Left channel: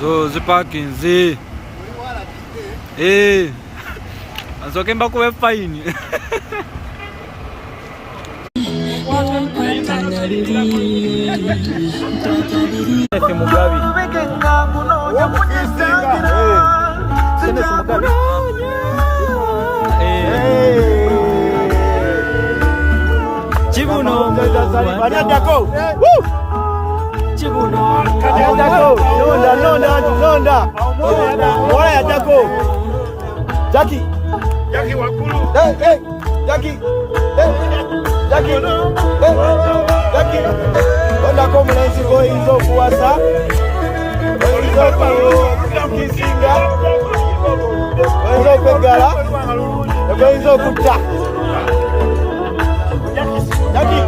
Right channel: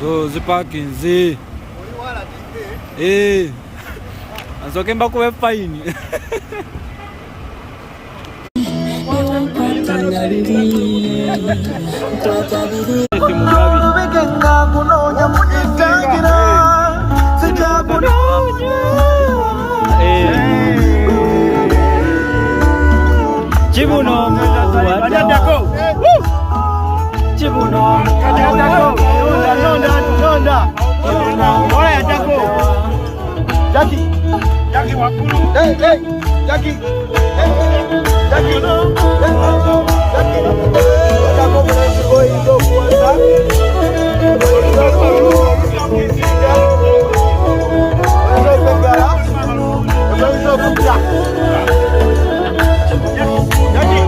zo zipakinzi azoke mbako fine Cibuno mo wadako Cibuno mo wadako Jackie Jackie wakulu Jackie Jackie wadako mwanzi boy ndo kuwasa Jackie